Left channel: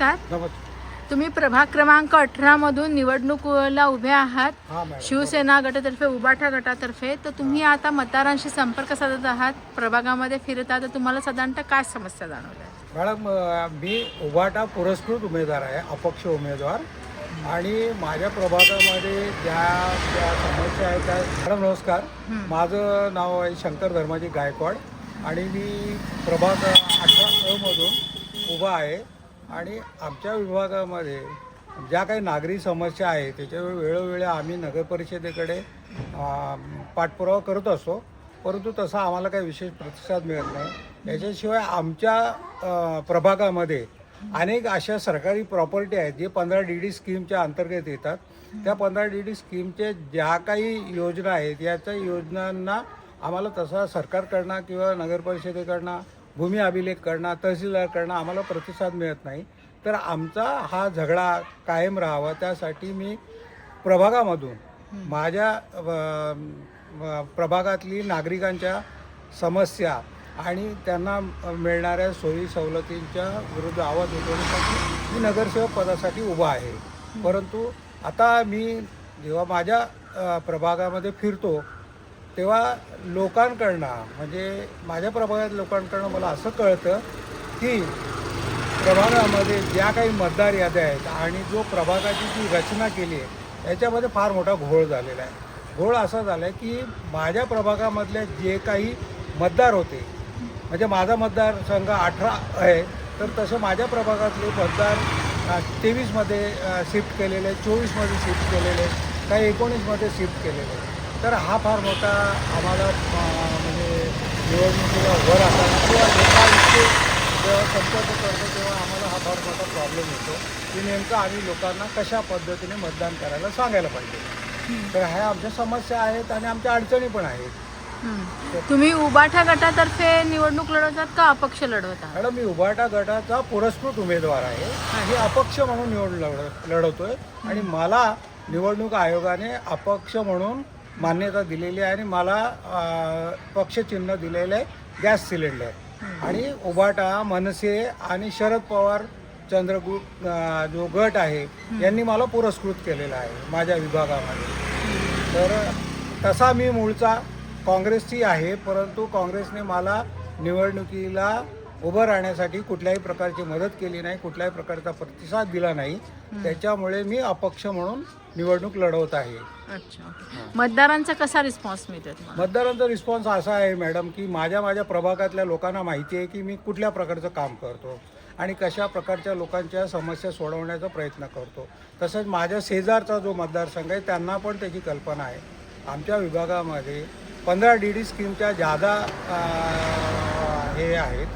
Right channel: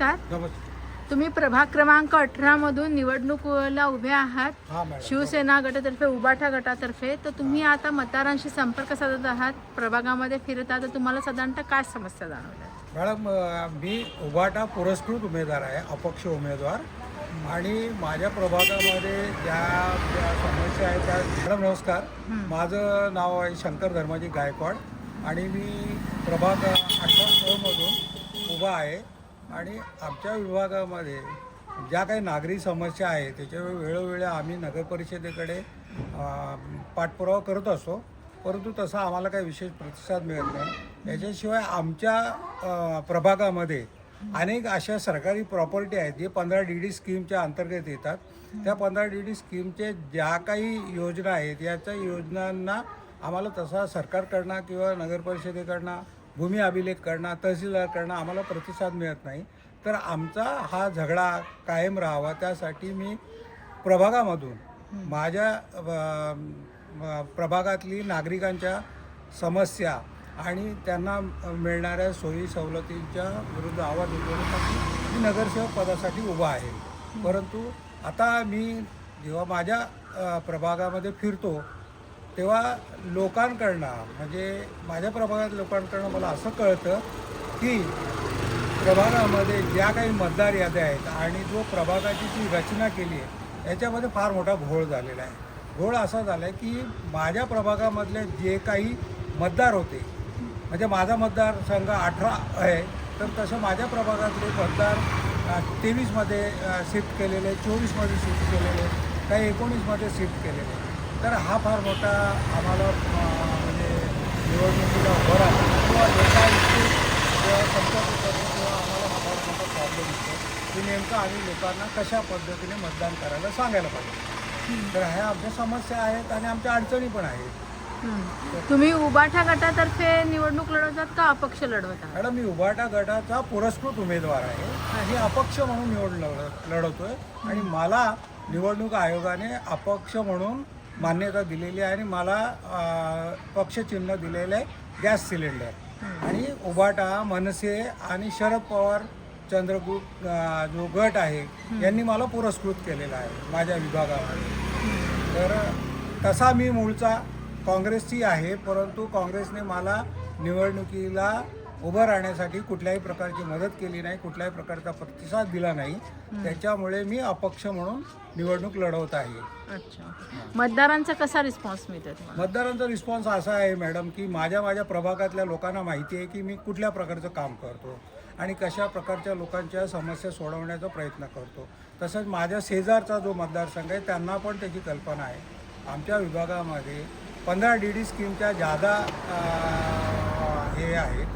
नमस्कार. नमस्कार. तुम्ही प्रभाग क्रमांक 18 मधून निवडणुकीला उभे आहात. हां मॅडम. शिवसेना गटातर्फे, उबाठा गटातर्फे. तर तुम्ही आता मतदारांशी संपर्क साधत आहात, प्रभागामध्ये फिरता, तर तुम्हाला साधारणतः काय समस्या जाणवल्या? मॅडम, मी उबाटा पुरस्कृत उमेदवार आहे, अपक्ष उमेदवार. आणि माझ्या प्रभागामध्ये ज्या समस्या आहेत त्या मॅडम नमस्कार. माझं नाव आहे शंकर धर्माजी गायकवाड आणि मी प्रभाग 18 मधून उभा आहे. आणि आमच्या विभागामध्ये ज्या काही नागरी समस्या आहेत त्याच्यावर वेळोवेळी आम्ही नगरपरिषदेकडे पाठपुरावा करत असतो, परंतु तसा आम्हाला काही विशेष प्रतिसाद मिळत नाही. याच्याशिवाय आमच्या प्रभागामध्ये अनेक अशा सरकारी प्रॉपर्टी आहेत जे 15DD स्कीमच्या अंतर्गत येतात. त्या 15DD स्कीमचे ज्या काही योजना आहेत याच्या योजनांना आम्हाला तसा सरकारकडनं किंवा नगरपरिषदेकडनं भूमी अभिलेखकडनं तहसीलदारकडनं आम्हाला प्रतिसाद मिळत नाही. तर आमचा हा झगडा कायम राहावा त्यासाठी मी प्रभागामधून माझ्या प्रभागातली नागरिकांच्या समस्या आणि त्यांना मिळणाऱ्या सोयी सवलतींच्या विरुद्ध आवाज उठवण्यासाठी मी नगरसेवक पदासाठी उभा आहे. परंतु आता मी जेव्हा माझ्या प्रभागामध्ये फिरतो तेव्हा लोकांकडनं म्हणजे माझ्या प्रभागात लोकांकडनं मला असं कळतं की प्रभागामध्ये ज्या काही मतदार याद्या आहेत आणि जो प्रभागाची जी रचना केली आहे याच्यामध्ये फार मोठा घोळ झालेला आहे. घोळ असा झाला आहे की माझ्या प्रभागामधले जे काही मतदार होते, म्हणजे माझा मतदारसंघ 18 आहे, तर तसे माझ्या प्रभागातले मतदार 23मध्ये शिफ्ट केलेले, 24मध्ये शिफ्ट केलेले, काही 19मध्ये शिफ्ट केलेले. तर हा फार मोठा आम्हाला म्हणजे निवडणुकीला उभं राहताना किंवा लोकांशी जेव्हा संपर्क करतो तेव्हा आम्हाला हा फार मोठा प्रॉब्लेम येतो की नेमकं आम्ही लोकांना कशा पद्धतीने मतदान करायला सांगायला पाहिजे. तर ह्या आमच्या समस्या आहेत आणि आमच्या अडचणी पण आहेत. तुम्ही उबाठा गटातर्फे निवडणूक लढवतात का अपक्ष लढवत आहात? मॅडम, मी उबाटा गटाचा पुरस्कृत उमेदवार आहे. मी अपक्ष म्हणून निवडणूक लढवतोय आणि मला निवडणूक आयोगाने अपक्ष म्हणून मान्यता दिलेली आहे आणि मला पक्षचिन्ह दिलेलं आहे गॅस सिलेंडर. आणि उबाटा, मनसे आणि शरद पवार चंद्रगुप्त जो गट आहे यांनी मला पुरस्कृत केलेला आहे माझ्या विभागामध्ये. तर तसा मी मूळचा काँग्रेसची आहे, परंतु काँग्रेसने मला निवडणुकीला उभं राहण्यासाठी कुठल्याही प्रकारची मदत केली नाही, कुठल्याही प्रकारचा प्रतिसाद दिला नाही. त्याच्यामुळे मी अपक्ष म्हणून निवडणूक लढवत आहे. अच्छा. मतदारांचा कसा रिस्पॉन्स मिळतो तुम्हाला? मतदारांचा रिस्पॉन्स असा आहे मॅडम की माझ्या प्रभागातल्या लोकांना माहिती आहे की मी कुठल्या प्रकारचं काम करतो आणि कशा प्रकारच्या लोकांच्या समस्या सोडवण्याचा प्रयत्न करतो. तसंच माझ्या शेजारचा जो मतदारसंघ आहे त्यांना पण त्याची कल्पना आहे. आमच्या विभागामध्ये 15DD स्कीमच्या जादा हे आहेत,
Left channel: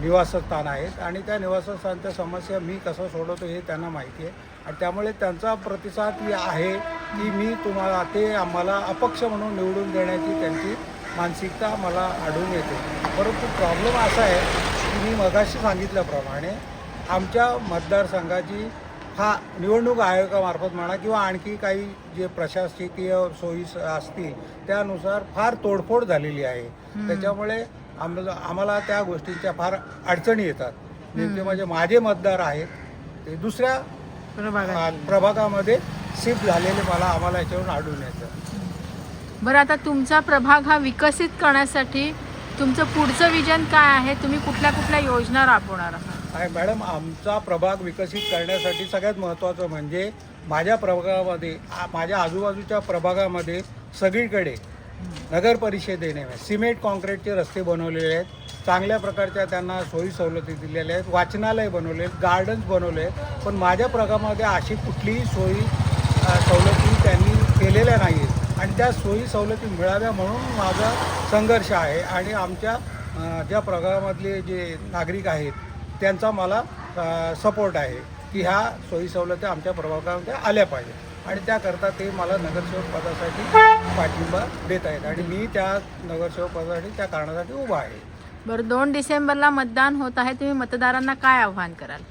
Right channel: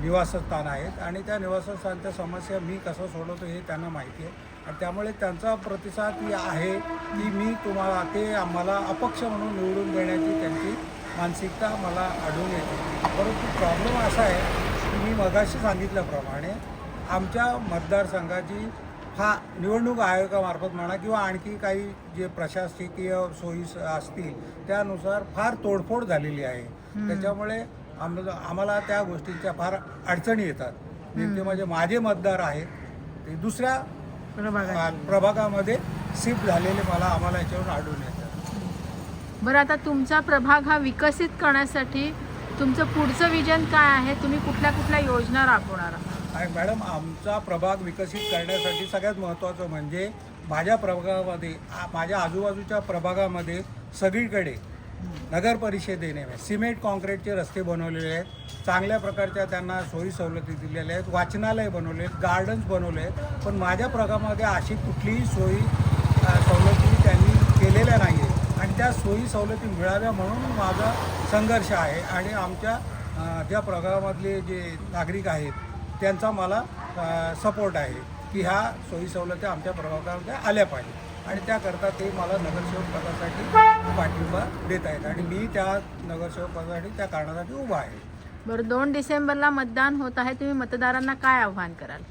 निवासस्थान आहेत आणि त्या निवासस्थानच्या समस्या मी कसं सोडवतो हे त्यांना माहिती आहे. आणि त्यामुळे त्यांचा प्रतिसाद आहे की मी तुम्हाला ते आम्हाला अपक्ष म्हणून निवडून देण्याची त्यांची मानसिकता मला आढळून येते. परंतु प्रॉब्लेम असा आहे की मी मगाशी सांगितल्याप्रमाणे आमच्या मतदारसंघाची निवडणूक आयोगामार्फत म्हणा किंवा आणखी काही जे प्रशासकीय सोयी असतील त्यानुसार फार तोडफोड झालेली आहे. त्याच्यामुळे आम्हाला त्या गोष्टींच्या फार अडचणी येतात. नेमके म्हणजे माझे मतदार आहेत ते दुसऱ्या प्रभागामध्ये शिफ्ट झालेले आम्हाला याच्यावरून आढळून येतं. बरं, आता तुमचा प्रभाग हा विकसित करण्यासाठी तुमचं पुढचं विजन काय आहे? तुम्ही कुठल्या योजना राबवणार आहात? आहे मॅडम, आमचा प्रभाग विकसित करण्यासाठी सगळ्यात महत्त्वाचं म्हणजे माझ्या प्रभागामध्ये माझ्या आजूबाजूच्या प्रभागामध्ये सगळीकडे नगर परिषदेने सिमेंट कॉन्क्रीटचे रस्ते बनवलेले आहेत, चांगल्या प्रकारच्या त्यांना सोयी सवलती दिलेल्या आहेत, वाचनालय बनवले आहेत, गार्डन्स बनवले आहेत. पण माझ्या प्रभागामध्ये अशी कुठलीही सोयी सवलती त्यांनी केलेल्या नाही आहेत आणि त्या सोयी सवलती मिळाव्या म्हणून माझा संघर्ष आहे. आणि आमच्या ज्या प्रभागामधले जे नागरिक आहेत त्यांचा मला सपोर्ट आहे की ह्या सोयी सवलती आमच्या प्रभागामध्ये आल्या पाहिजे आणि त्याकरता ते मला नगरसेवक पदासाठी पाठिंबा देत आहेत आणि मी त्या नगरसेवक पदासाठी त्या कारणासाठी उभा आहे. बरं, 2 डिसेंबरला मतदान होत आहे, तुम्ही मतदारांना काय आव्हान कराल?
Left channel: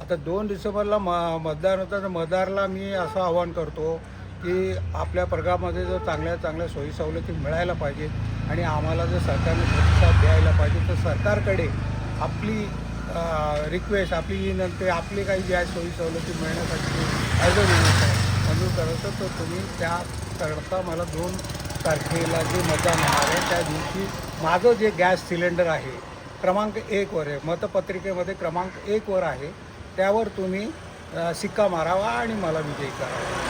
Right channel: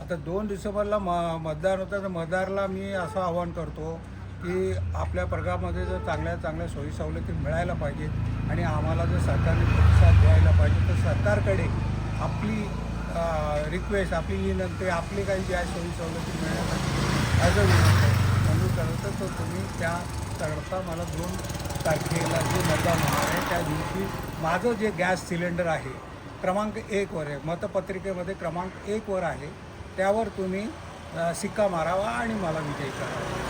आता 2 डिसेंबरला मतदान होतं तर मतदाराला मी असं आवाहन करतो की आपल्या प्रभागामध्ये जर चांगल्या सोयी सवलती मिळायला पाहिजेत आणि आम्हाला जर सरकारने प्रतिसाद द्यायला पाहिजे तर सरकारकडे आपली रिक्वेस्ट, आपली विनंती, आपली काही ज्या सोयी सवलती मिळण्यासाठी ॲज अ विनंती आहे मंजूर करायचं, तर तुम्ही त्याकरता मला 2 तारखेला जे मतदान होणार आहे त्या दिवशी माझं जे गॅस सिलेंडर आहे क्रमांक 1 वर आहे, मतपत्रिकेमध्ये क्रमांक 1 वर आहे, त्यावर तुम्ही शिक्का मारावा आणि मला विजयी करावा.